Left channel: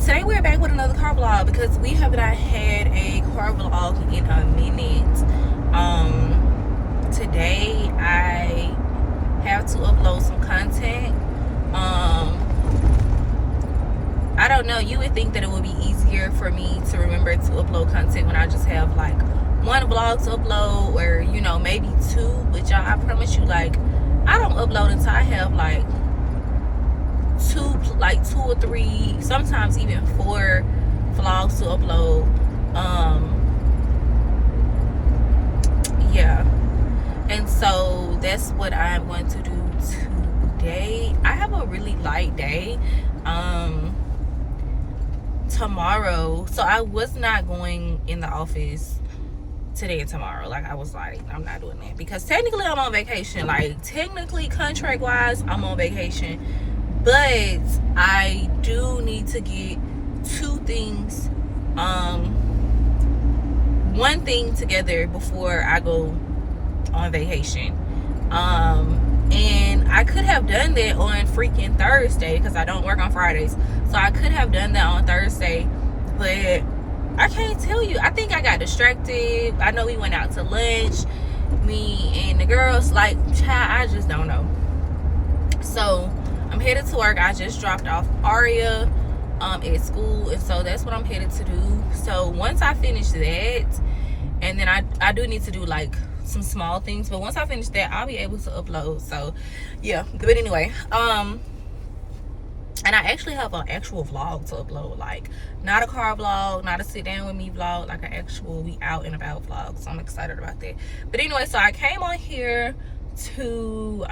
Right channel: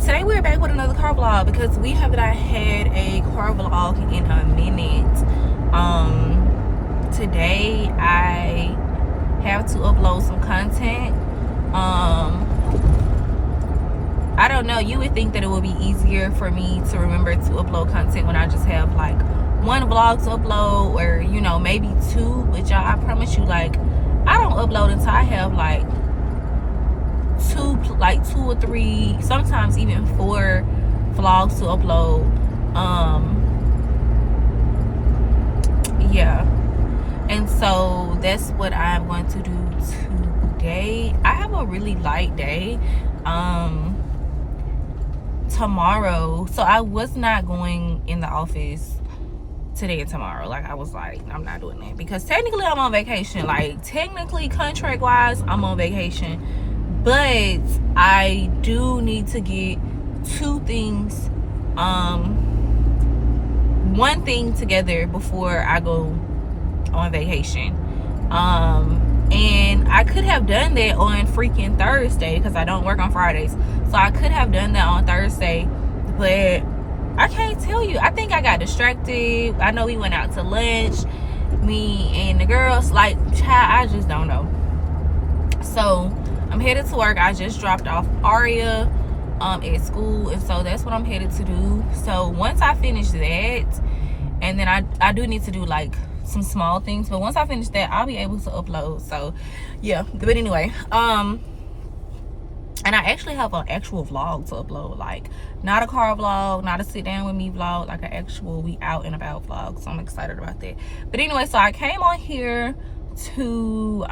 today we're back with another car vlog because we have not had a car vlog in a minute. Today I have to upload some content. I don't know, you would think that it would be easier for me to remember to upload content when I just have like one vlog to upload, or you know, maybe two. But y'all, I promise you, like, I don't upload until I have like two or three, sometimes even 4 vlogs to upload. Yeah, and so that's what I'm going to do today. I have a really light day tomorrow, so I was not going in the office today and tomorrow. Like, I was like, I'm not doing that because technically I'm on vacation. Like, technically, contract wise, I'm on vacation, but I do need to get 2 things, one thing together before I go on vacation. And I could have done that on freaking Thursday because I don't work on Fridays, so I could have done that on Thursday, but I can't tell you. I think I got distracted. I know we went out to lunch, me and the girls. Like, child, I just don't know. So I'm headed to work. I just dropped off Aria at school, and so that's what I'm headed to do. So once I finish that, and then I do need to do like some small things, but once I finish that, I'll be able to upload. So yeah, but anyway, and I actually have an actual vlog to upload, like not a car vlog, not a sit down with me vlog, like an actual we out and about vlog. So I'm excited about that. But anyway, so I came on here to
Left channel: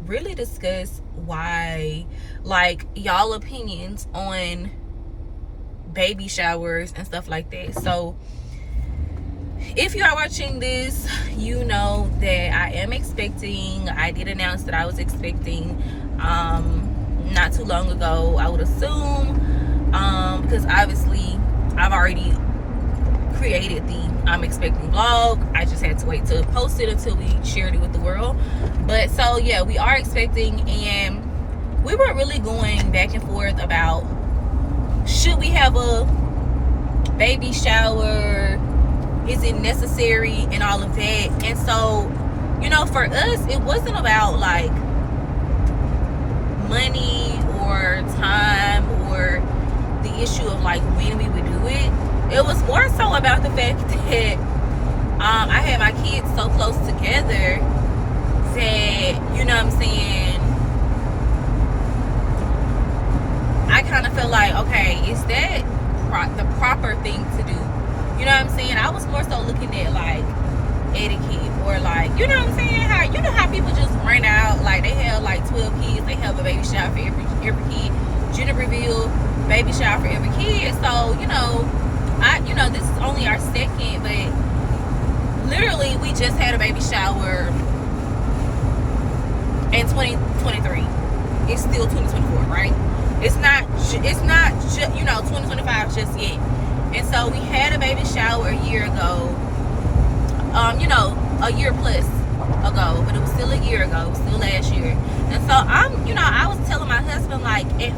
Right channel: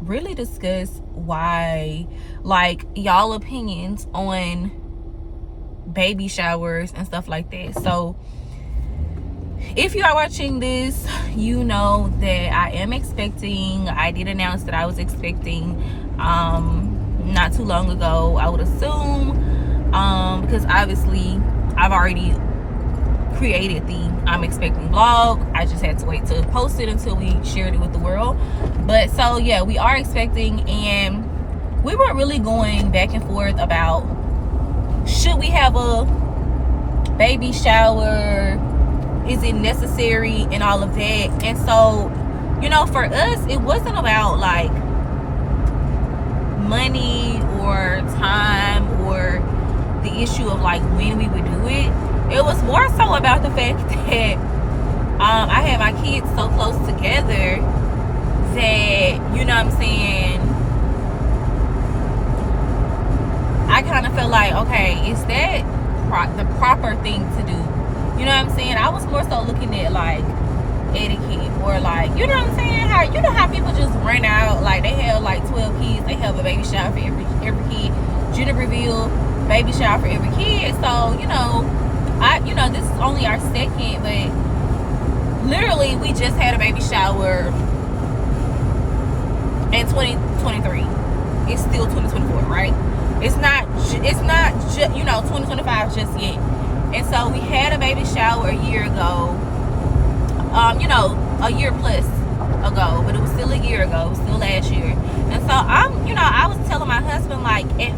really discuss why, like, y'all opinions on baby showers and stuff like that. So if you are watching this, you know that I am expecting. I did announce that I was expecting not too long ago, I would assume, because obviously I've already created the I'm expecting vlog. I just had to wait to post it until we shared it with the world. But so yeah, we are expecting, and we were really going back and forth about, should we have a baby shower, is it necessary, and all of that. And so, you know, for us, it wasn't about like money or time or the issue of like when we would do it. It was more so about the fact that I had my kids so close together that, you know what I'm saying, I kind of felt like, okay, is that the proper thing to do? You know what I'm saying? I was more so looking at like etiquette, or like, you know what I'm saying, how, you know how people just rent out, like they have like 12 kids, they have a baby shower for every kid, gender reveal, baby shower for every kid. So, you know, this is only our second, but literally we just had a baby shower in 2023. It's still 2024, right? It's not you know, 2025 just yet. And so we had a baby shower a year ago, you know, a year plus ago, but it was still a year ago. It was still last year. And so I was telling my husband, like, at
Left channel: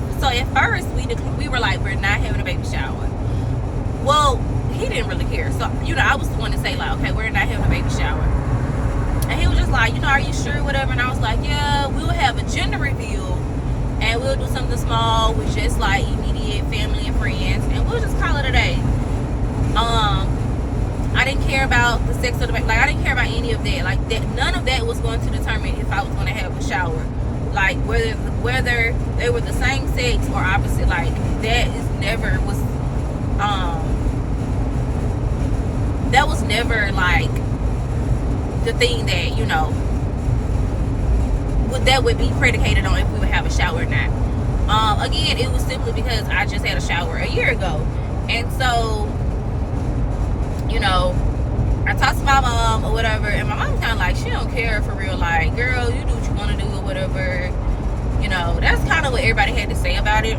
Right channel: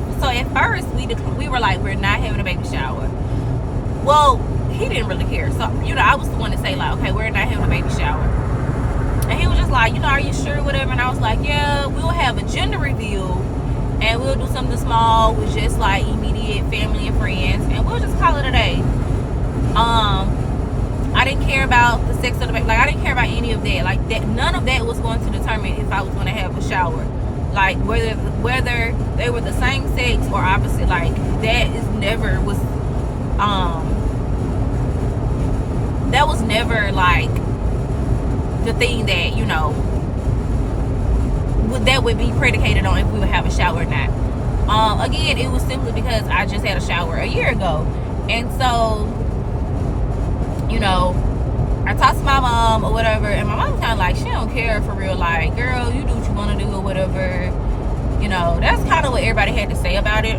first we were like, we're not having a baby shower. Well, he didn't really care. So, you know, I was the one to say like, okay, we're not having a baby shower. And he was just like, you know, are you sure, whatever? And I was like, yeah, we'll have a gender reveal, and we'll do something small with just like immediate family and friends, and we'll just call it a day. I didn't care about the sex of the baby. Like, I didn't care about any of that. Like, that, none of that was going to determine if I was going to have a shower. Like, whether they were the same sex or opposite. Like, that was never like the thing that, you know, that would be predicated on if we would have a shower or not. Again, it was simply because I just had a shower a year ago. And so, you know, I talked to my mom or whatever, and my mom kind of like, she don't care for real. Like, girl, you do what you want to do or whatever. You know, that's kind of what everybody had to say about it.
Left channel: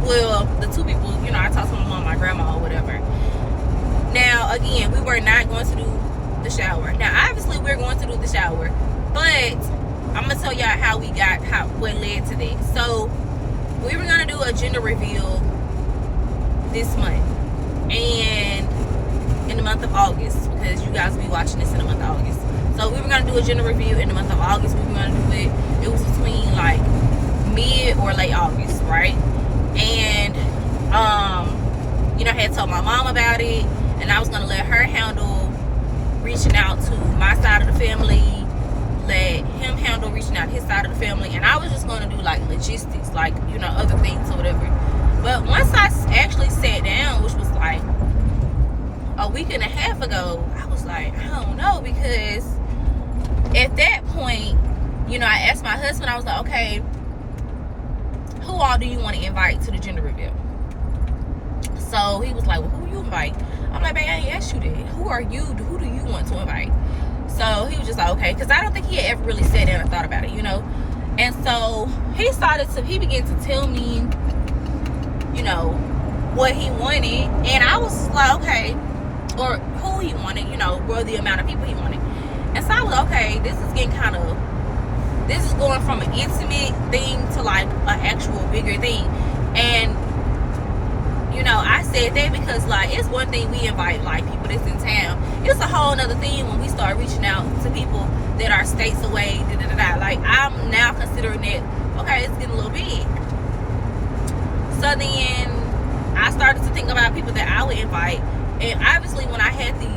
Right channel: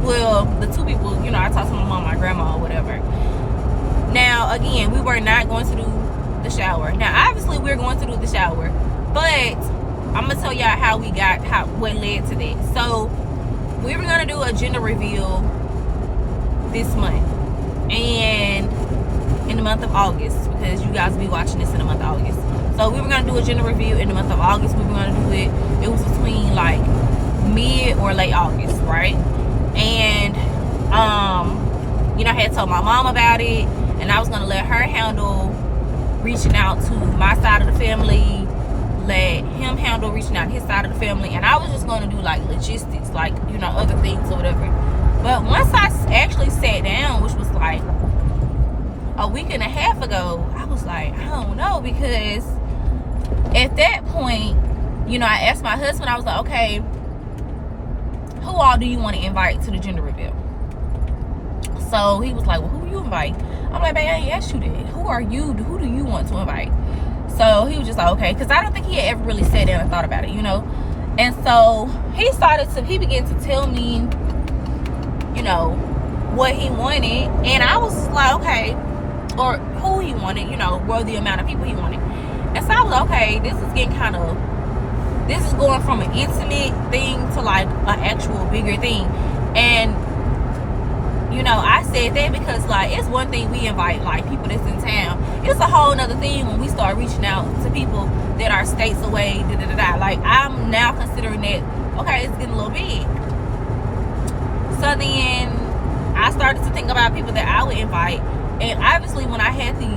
Well, the 2 people, you know, I talked to my mom, my grandma or whatever. Now, again, we were not going to do the shower. Now, obviously, we're going to do the shower, but I'm gonna tell y'all how what led to that. So we were gonna do a gender reveal this month, and in the month of August, because you guys will be watching this in the month of August. So we were gonna do a gender reveal in the month of August. We were gonna do it. It was between like mid or late August, right? And you know, I had told my mom about it, and I was gonna let her handle reaching out to my side of the family, let him handle reaching out to his side of the family, and I was just gonna do like logistics, like, you know, other things or whatever. But once I actually sat down, which was like a week and a half ago, I was like, I don't know, because at that point, you know, I asked my husband, I was like, okay, who all do you want to invite to the gender reveal? So he was like, well, who do you invite? I'm like, babe, I ain't asked you that. Who are you? Who do you want to invite? So he was just like, okay, because I don't think he had ever really sat down and thought about it, you know. And so he began to tell me, you know, what he wanted, and I was like, okay, or who he wanted, you know, or the amount of people he wanted. And so I was like, okay, this is going from an intimate thing to like an actual bigger thing. And you know, I said that because like it's one thing we invite like people that's in town. It's a whole nother thing when we start reaching out to people that are states away. Like I'm now considering that, okay, it's getting a little big. So then I started to think about people that I would invite, and obviously when I had the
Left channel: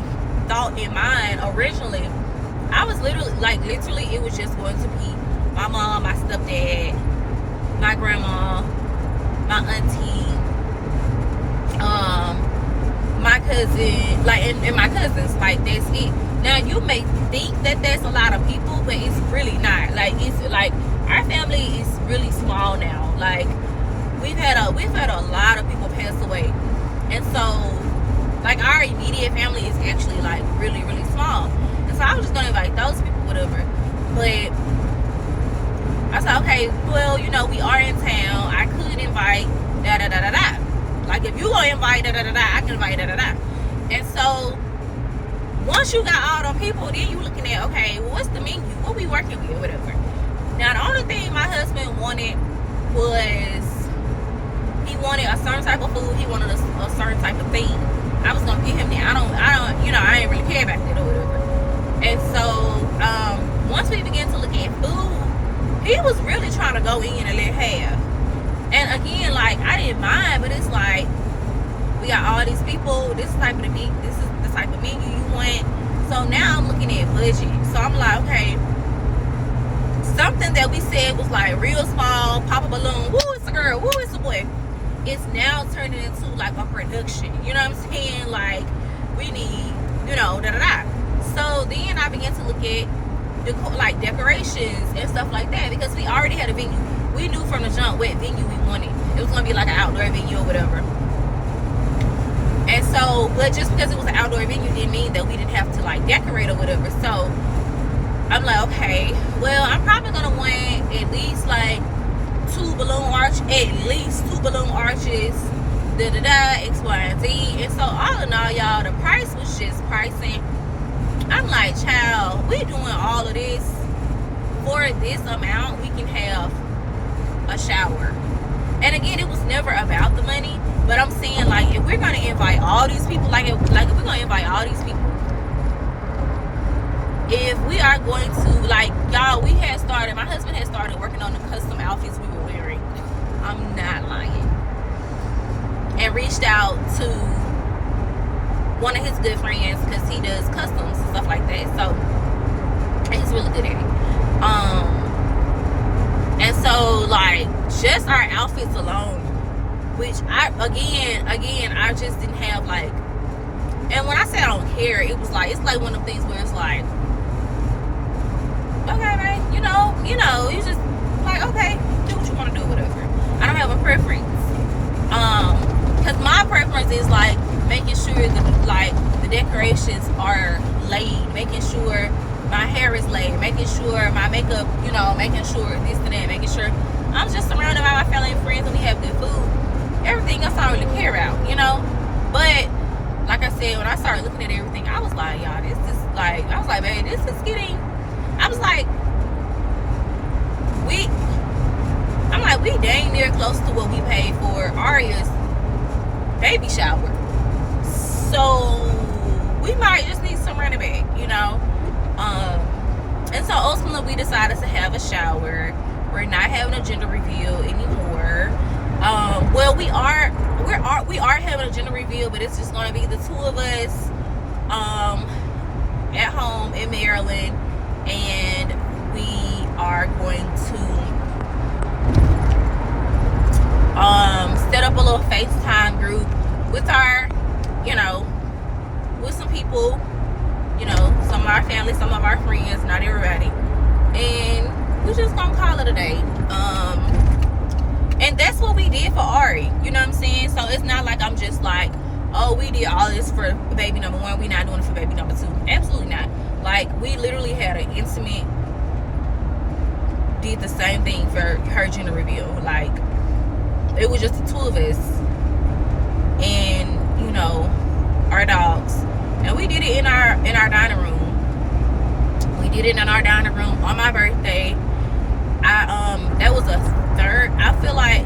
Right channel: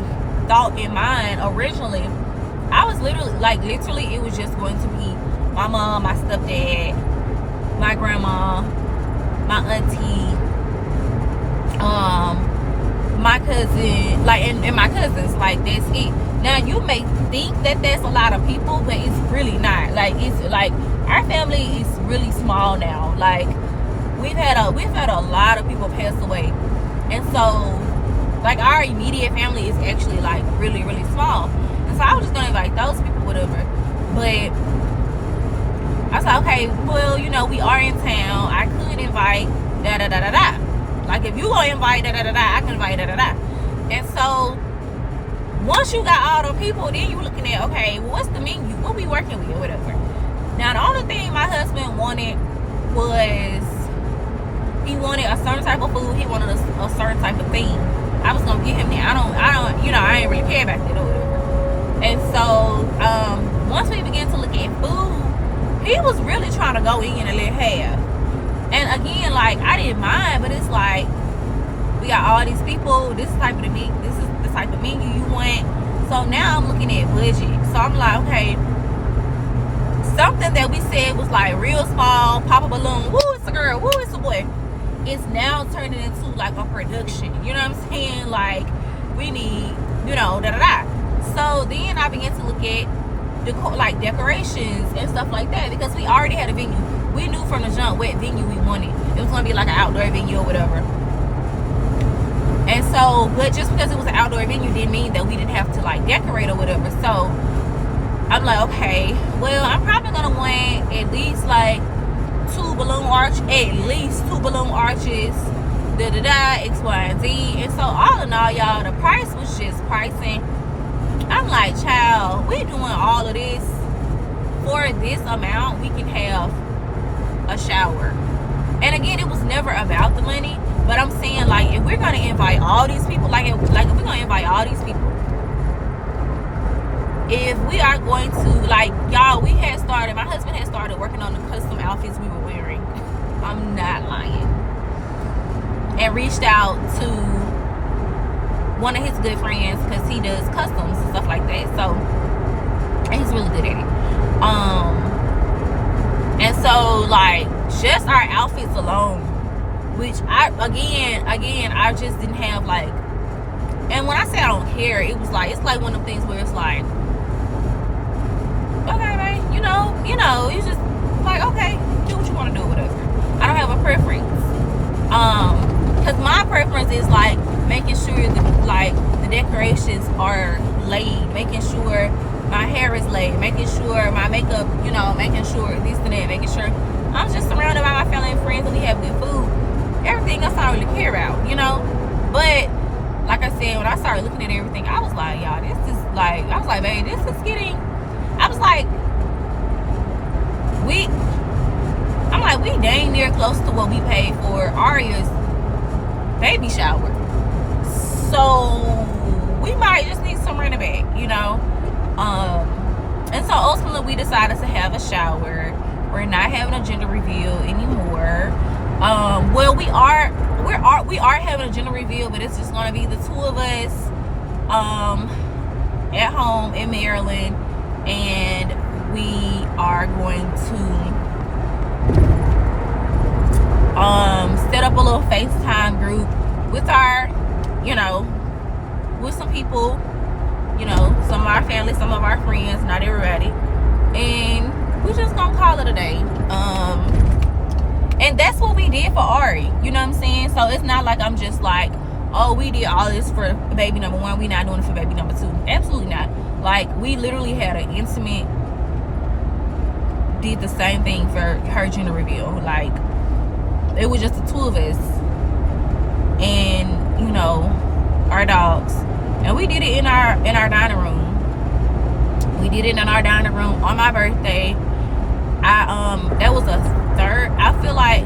thought in mind originally, I was literally it was just going to be my mom, my stepdad, my grandma, my auntie, my cousin, like, and my cousins, like, that's it. Now you may think that that's a lot of people, but it's really not. Like, it's like our family is really small now. Like we've had a lot of people pass away, and so like our immediate family is actually like really, really small. And so I was just gonna invite those people, whatever. But I said, okay, well, you know, we are in town. I could invite da da da da da. Like if you gonna invite da da da da, I can invite da da da. And so once you got all the people, then you looking at, okay, well, what's the menu? What we working with or whatever. Now the only thing my husband wanted was he wanted a certain type of food. He wanted a certain type of thing. I was gonna get him that. I don't, you know, I ain't really care back then or whatever. And so once we began to look at food, he was really trying to go in and let have. And again, like I didn't mind, but it's like we got all these people. This is the type of menu you want. So now I'm looking at budget. So I'm like, okay, something that we said was like real small, pop a balloon. Woo, it's a girl. Woo, it's a boy. It's now turning into like a production. You know what I'm saying? Like we need, you know, da da da. So then I began to look at like decorations and stuff like that, because we already had a venue. We knew from the jump what venue we wanted. It was gonna be like an outdoor venue or whatever. And so, but just because it was an outdoor venue didn't mean that we didn't have to like decorate or whatever. So I'm like, okay, well, I'm probably gonna want at least like two balloon arches, da da da, X, Y, and Z. And so all in all, y'all, the price was just pricing. I'm like, child, we doing all of this for this amount. We can have a shower. And again, it was never about the money, but I'm saying, like, if we're gonna invite all these people, like if we're gonna invite all these people, if we are going to, like, y'all, my husband had started working on the custom outfits we were wearing. I'm not lying. And reached out to one of his good friends, because he does customs and stuff like that. So he's really good at it. And so like just our outfits alone, which I just didn't have like. And when I say I don't care, it was like, it's like one of the things where it's like, okay, babe, you know, you just like, okay, do what you want to do, whatever. I don't have a preference. Because my preference is like making sure that like the decorations are laid, making sure my hair is laid, making sure my makeup, you know, making sure this and that, making sure I'm just surrounded by my family and friends and we have good food. Everything else I don't really care about, you know. But like I said, when I started looking at everything, I was like, y'all, this is like, I was like, babe, this is getting, I was like, we dang near close to what we paid for Aria's baby shower. So we might just need some rent back, you know. And so ultimately we decided to have a shower. We're not having a gender reveal anymore. Well, we are having a gender reveal, but it's just gonna be the two of us at home in Maryland, and we are going to set up a little FaceTime group with our, you know, with some people, you know, some of our family, some of our friends, not everybody, and we're just gonna call it a day. And that's what we did for Ari, you know what I'm saying? So it's not like I'm just like, oh, we did all this for baby number one, we not doing it for baby number two. Absolutely not. Like, we literally had an intimate, did the same thing for her gender reveal. Like, it was just the two of us and, you know, our dogs. And we did it in our dining room. We did it in our dining room on my birthday. That was a third, I feel like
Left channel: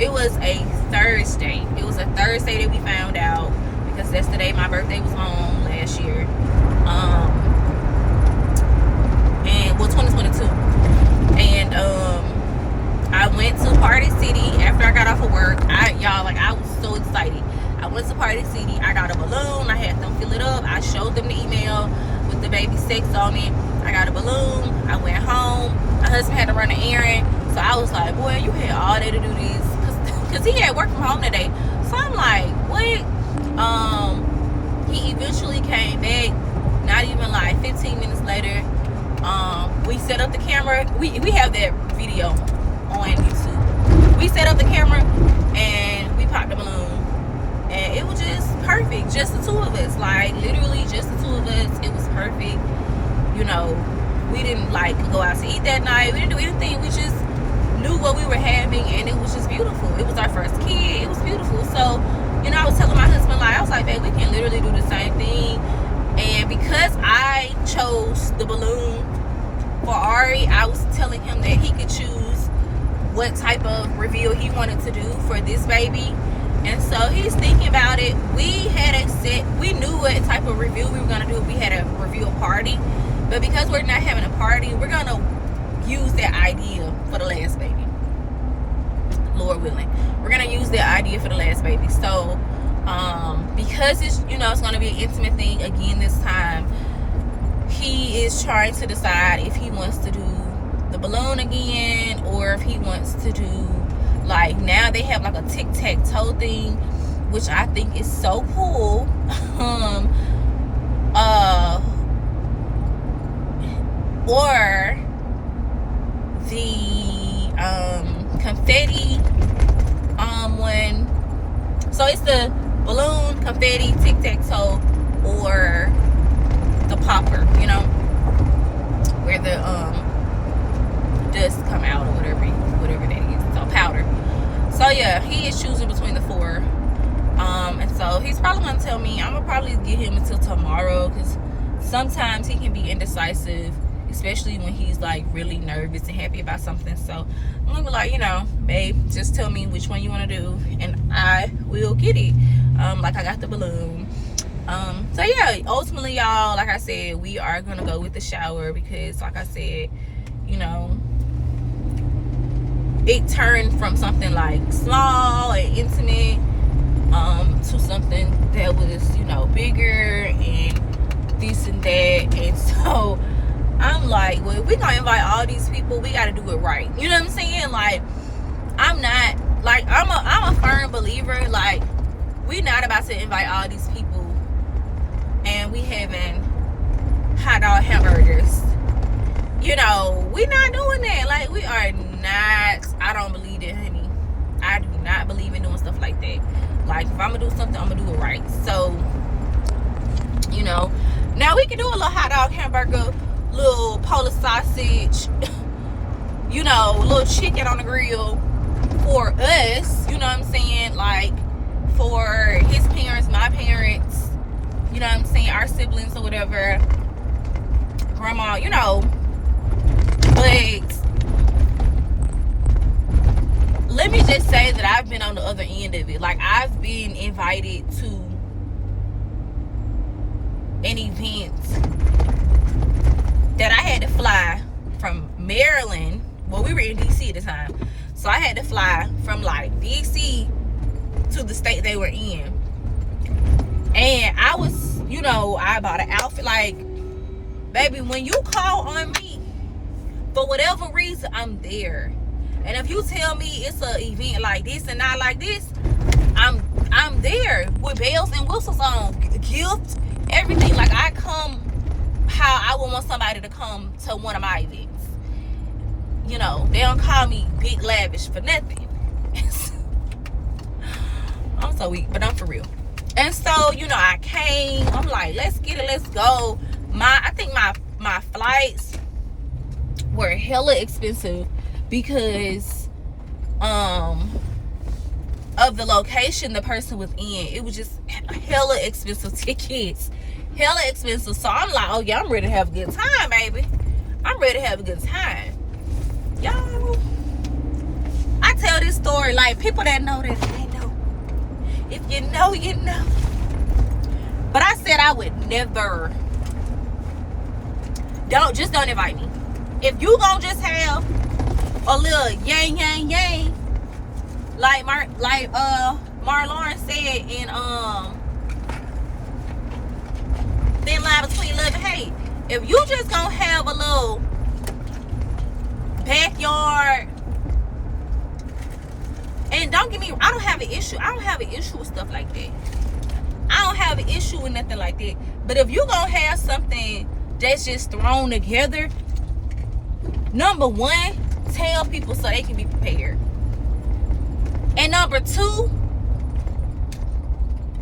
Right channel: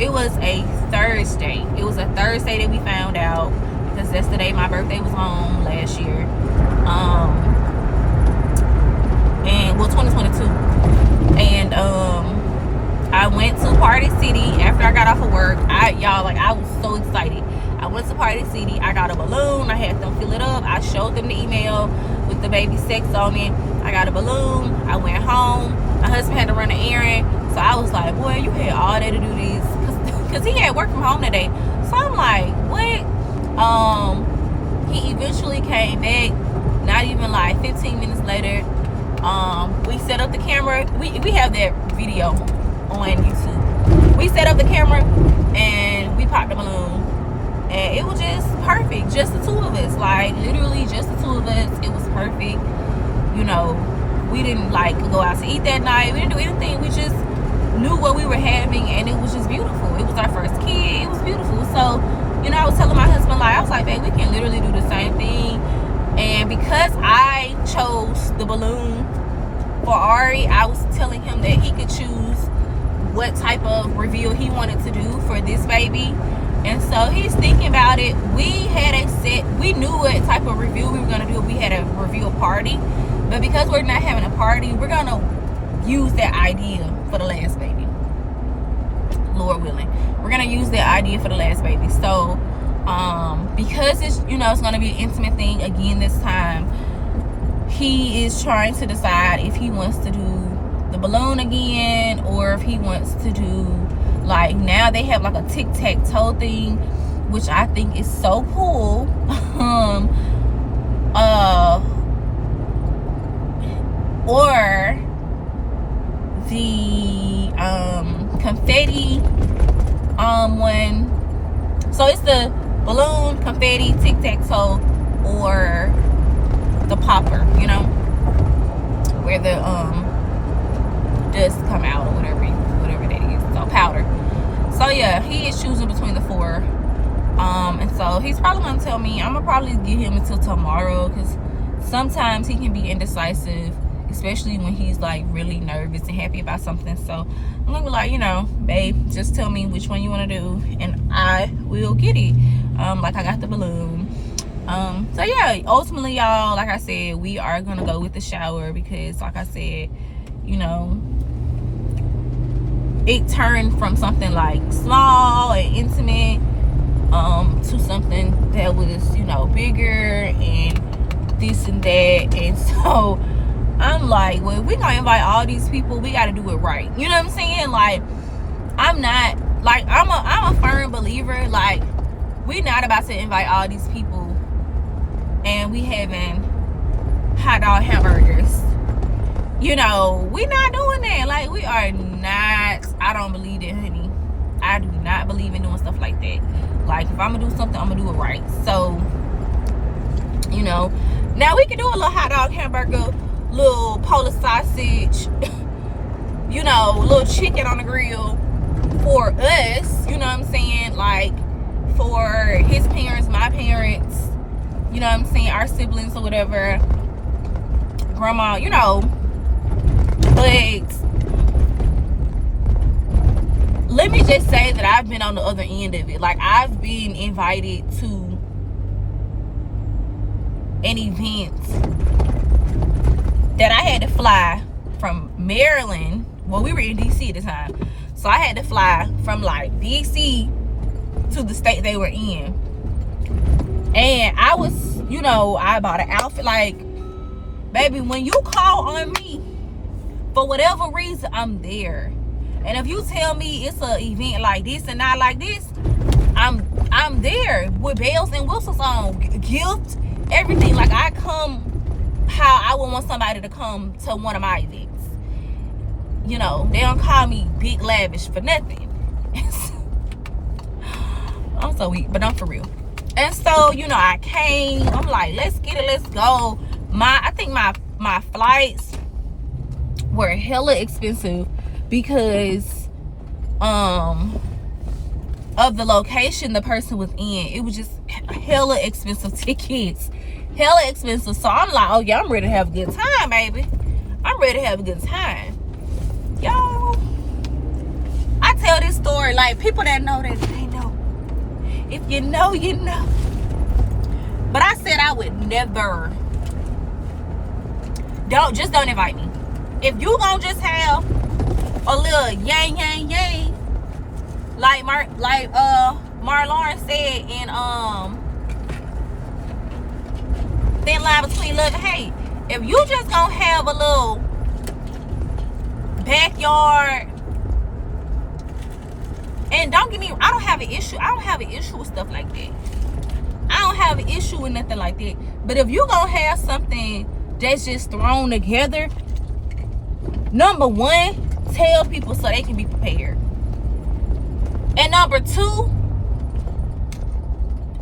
it was a Thursday. It was a Thursday that we found out, because that's the day my birthday was on last year. And well, 2022. And I went to Party City after I got off of work. I was so excited. I went to Party City. I got a balloon. I had them fill it up. I showed them the email with the baby sex on it. I got a balloon. I went home. My husband had to run an errand. So I was like, boy, you had all day to do this. Because he had work from home today. So I'm like, what? He eventually came back. Not even like 15 minutes later. We set up the camera. We have that video on YouTube. We set up the camera and we popped the balloon. And it was just perfect. Just the two of us. Like, literally just the two of us. It was perfect. You know, we didn't like go out to eat that night. We didn't do anything. We just knew what we were having, and it was just beautiful. It was our first kid. It was beautiful. So, you know, I was telling my husband, like, I was like, babe, we can literally do the same thing. And because I chose the balloon for Ari, I was telling him that he could choose what type of reveal he wanted to do for this baby. And so he's thinking about it. We knew what type of reveal we were going to do. We had a reveal party. But because we're not having a party, we're going to use that idea for the last baby. Lord willing. We're going to use that idea for the last baby. So, because it's, you know, it's going to be an intimate thing again this time, he is trying to decide if he wants to do the balloon again, or if he wants to do, like, now they have like a tic-tac-toe thing, which I think is so cool. Or the confetti one. So it's the balloon, confetti, tic-tac-toe, or the popper, you know, where the dust come out, or whatever that is. So powder. So yeah, he is choosing between the four. And so he's probably gonna tell me. I'm gonna probably give him until tomorrow, because sometimes he can be indecisive, especially when he's like really nervous and happy about something. So I'm gonna be like, you know, babe, just tell me which one you want to do, and I will get it. Like I got the balloon. So yeah, ultimately, y'all, like I said, we are gonna go with the shower, because like I said, you know, it turned from something like small and intimate to something that was, you know, bigger and this and that. And so I'm like, well, we gonna invite all these people, we gotta do it right. You know what I'm saying? Like, I'm not, like, I'm a firm believer, like, we're not about to invite all these people and we having hot dog hamburgers. You know, we not doing that. Like, we are not, I don't believe it, honey. I do not believe in doing stuff like that. Like, if I'm gonna do something, I'm gonna do it right. So, you know, now we can do a little hot dog hamburger, little Polish sausage, you know, little chicken on the grill for us, you know what I'm saying? Like, for his parents, my parents, you know what I'm saying, our siblings or whatever, grandma, you know. But on the other end of it. Like, I've been invited to an event that I had to fly from Maryland. Well, we were in DC at the time, so I had to fly from like DC to the state they were in. And I was, you know, I bought an outfit. Like, baby, when you call on me for whatever reason, I'm there. And if you tell me it's an event like this and not like this, I'm there with bells and whistles on, gift, everything. Like, I come how I would want somebody to come to one of my events. You know, they don't call me big lavish for nothing. I'm so weak, but I'm for real. And so, you know, I came. I'm like, let's get it, let's go. I think my flights were hella expensive because of the location the person was in. It was just hella expensive tickets. Hella expensive. So I'm like, oh yeah, I'm ready to have a good time, baby. I'm ready to have a good time. Y'all, I tell this story, like, people that know that they know. If you know, you know. But I said I would never. Don't invite me. If you gonna just have a little yang yang yang, like Marlon said in Thin Line Between Love and Hate. If you just gonna have a little backyard, and don't get me, I don't have an issue with stuff like that. I don't have an issue with nothing like that. But if you gonna have something that's just thrown together, number one, tell people so they can be prepared. And number two,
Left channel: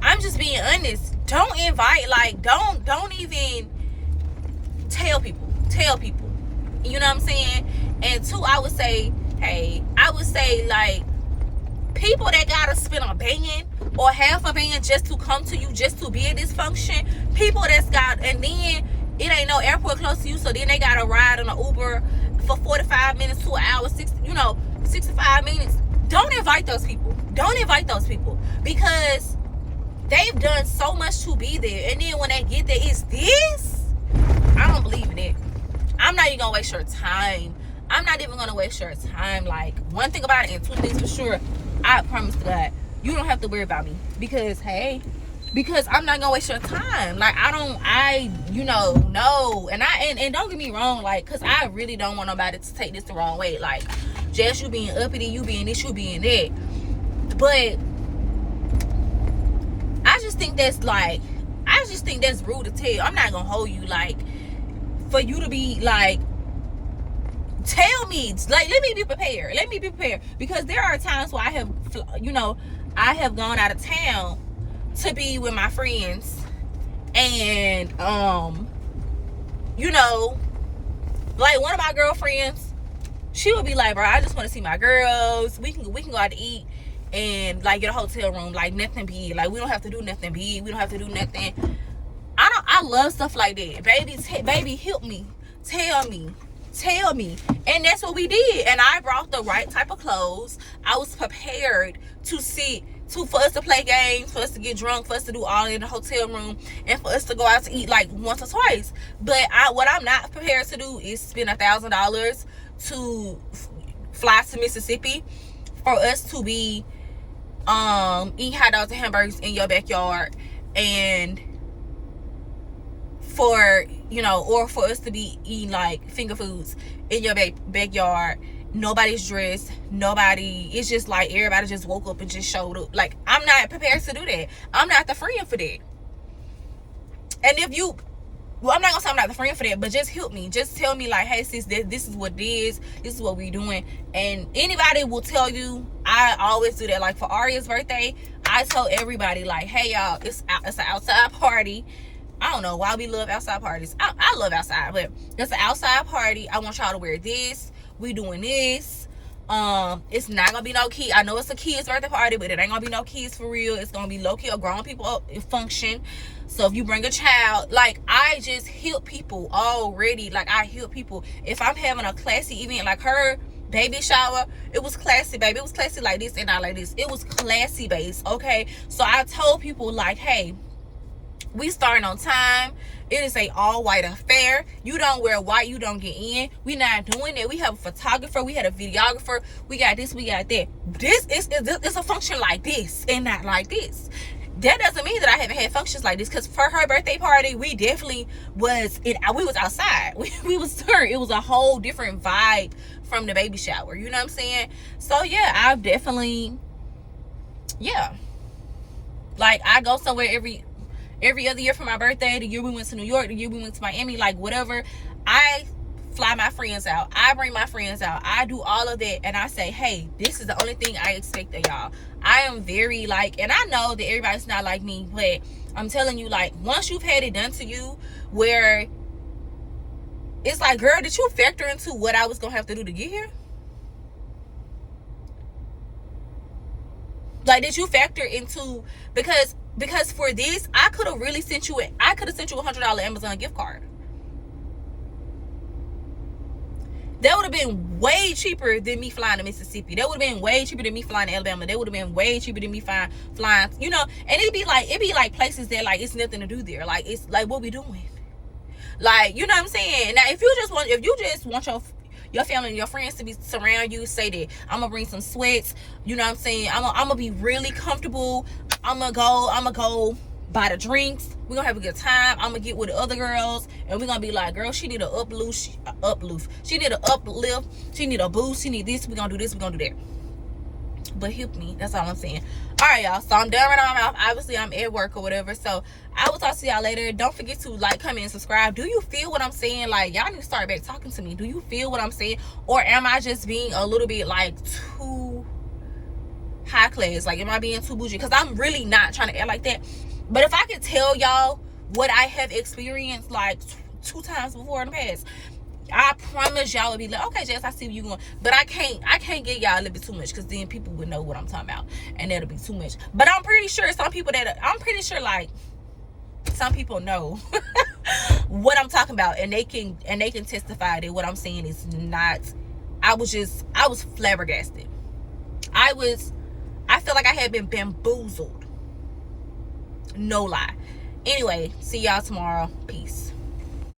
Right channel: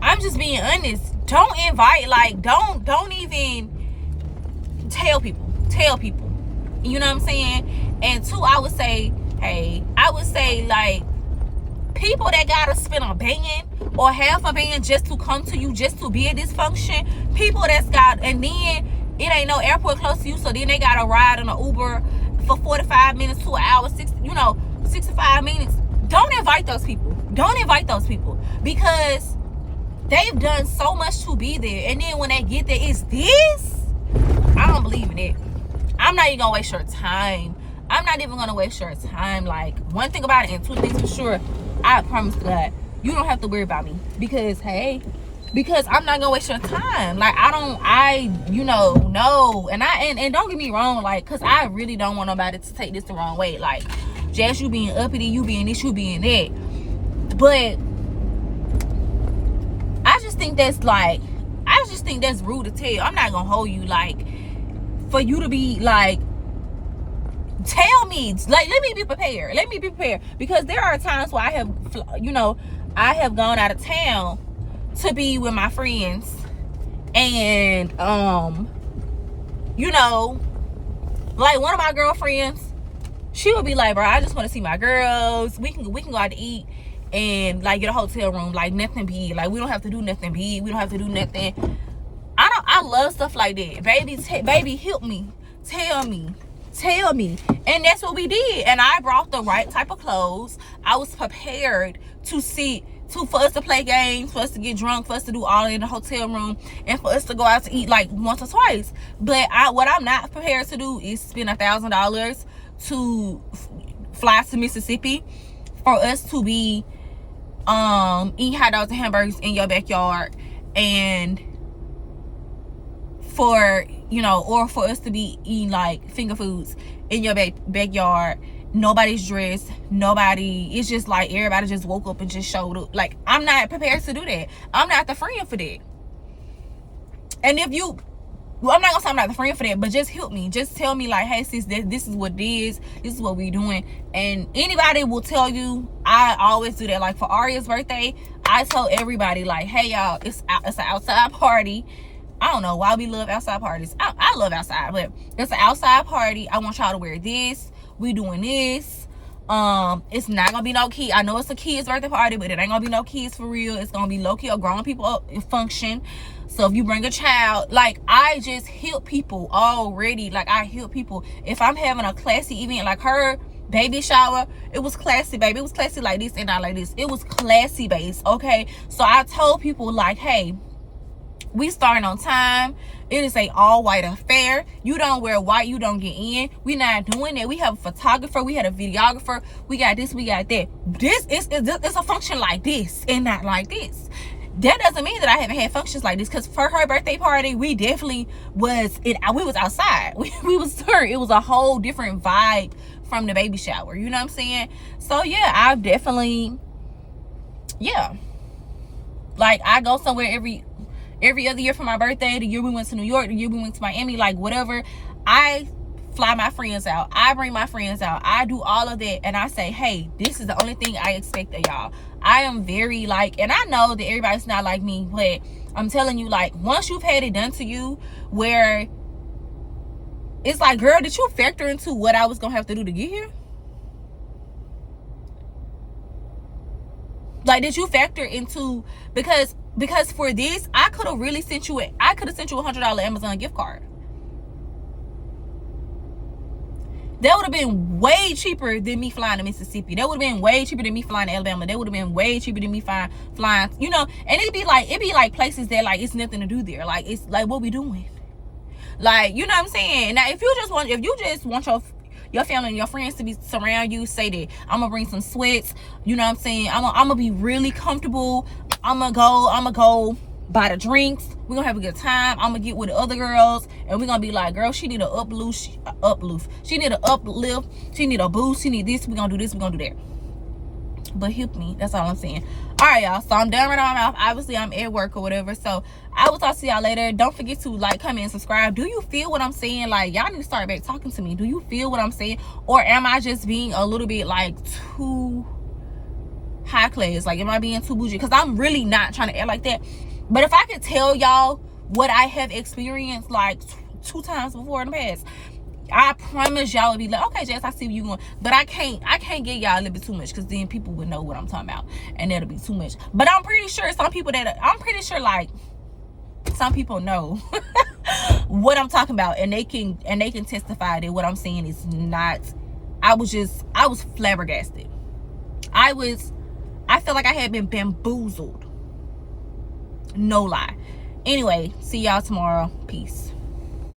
I'm just being honest. Don't invite, like, don't even tell people. You know what I'm saying? And two, I would say, like, people that gotta spend a band or half a band just to come to you, just to be at this function, people that's got, and then it ain't no airport close to you, so then they gotta ride on an Uber for 45 minutes to an hour, 65 minutes. Don't invite those people. Because they've done so much to be there, and then when they get there, it's this. I don't believe in it. I'm not even gonna waste your time. Like, one thing about it, and two things for sure, I promise God, you don't have to worry about me. Because I'm not gonna waste your time. Like, no. And don't get me wrong, like, cause I really don't want nobody to take this the wrong way. Like, just you being uppity, you being this, you being that. But I just think that's rude to tell. I'm not gonna hold you, like, for you to be like, tell me, like, let me be prepared. Because there are times where I have gone out of town to be with my friends, and like, one of my girlfriends, she would be like, bro, I just want to see my girls. We can go out to eat and, like, get a hotel room, like, nothing big. Like, we don't have to do nothing big. We don't have to do nothing. I love stuff like that. Baby, help me. Tell me. And that's what we did. And I brought the right type of clothes. I was prepared for us to play games, for us to get drunk, for us to do all in the hotel room, and for us to go out to eat like once or twice. But what I'm not prepared to do is spend $1,000 to fly to Mississippi for us to be eat hot dogs and hamburgers in your backyard, and or for us to be eating like finger foods in your backyard. Nobody's dressed. It's just like everybody just woke up and just showed up. Like, I'm not prepared to do that. I'm not the friend for that. And I'm not gonna say I'm not the friend for that, but just help me. Just tell me, like, hey sis, this is what it is. This is what we doing. And anybody will tell you. I always do that. Like, for Aria's birthday, I tell everybody, like, hey y'all, it's an outside party. I don't know why we love outside parties. I love outside, but it's an outside party. I want y'all to wear this. We doing this. It's not gonna be no kid. I know it's a kid's birthday party, but it ain't gonna be no kids for real. It's gonna be low key or grown people function. So if you bring a child, like, I just help people already. Like, I help people. If I'm having a classy event like her, baby shower, it was classy, baby. It was classy like this and not like this. It was classy based, okay? So I told people, like, hey, we starting on time. It is a all-white affair. You don't wear white, you don't get in. We not doing it. We have a photographer, we had a videographer, we got this, we got that. This is a function like this and not like this. That doesn't mean that I haven't had functions like this, because for her birthday party, we definitely was we was outside. We was turned. It was a whole different vibe from the baby shower. You know what I'm saying? So yeah, I've definitely, yeah. Like, I go somewhere every other year for my birthday. The year we went to New York, the year we went to Miami, like whatever. I fly my friends out. I bring my friends out. I do all of that, and I say, hey, this is the only thing I expect of y'all. I am very, like, and I know that everybody's not like me, but I'm telling you, like, once you've had it done to you, where it's like, girl, did you factor into what I was gonna have to do to get here? Like, did you factor into, because for this, I could have really sent you I could have sent you $100 Amazon gift card. That would have been way cheaper than me flying to Mississippi. That would have been way cheaper than me flying to Alabama. That would have been way cheaper than me flying, you know. And it'd be like places that, like, it's nothing to do there. Like, it's like, what we doing? Like, you know what I'm saying? Now, if you just want your family and your friends to be surround you, say that I'm gonna bring some sweats. You know what I'm saying? I'm gonna be really comfortable. I'm gonna go buy the drinks. We're gonna have a good time. I'm gonna get with the other girls, and we're gonna be like, girl, she need an uplift. She need an uplift. She need a boost. She need this. We're gonna do this. We're gonna do that. But help me. That's all I'm saying. All right, y'all. So I'm done right on off. Obviously, I'm at work or whatever. So I will talk to y'all later. Don't forget to like, comment, and subscribe. Do you feel what I'm saying? Like, y'all need to start back talking to me. Do you feel what I'm saying? Or am I just being a little bit, like, too high class? Like, am I being too bougie? Because I'm really not trying to act like that. But if I could tell y'all what I have experienced, like, 2 times before in the past, I promise y'all would be like, okay, Jess, I see where you going. But I can't get y'all a little bit too much, because then people would know what I'm talking about, and that'll be too much. But I'm pretty sure like, some people know what I'm talking about, and they can testify that what I'm saying is not. I was flabbergasted. I felt like I had been bamboozled. No lie. Anyway, see y'all tomorrow. Peace.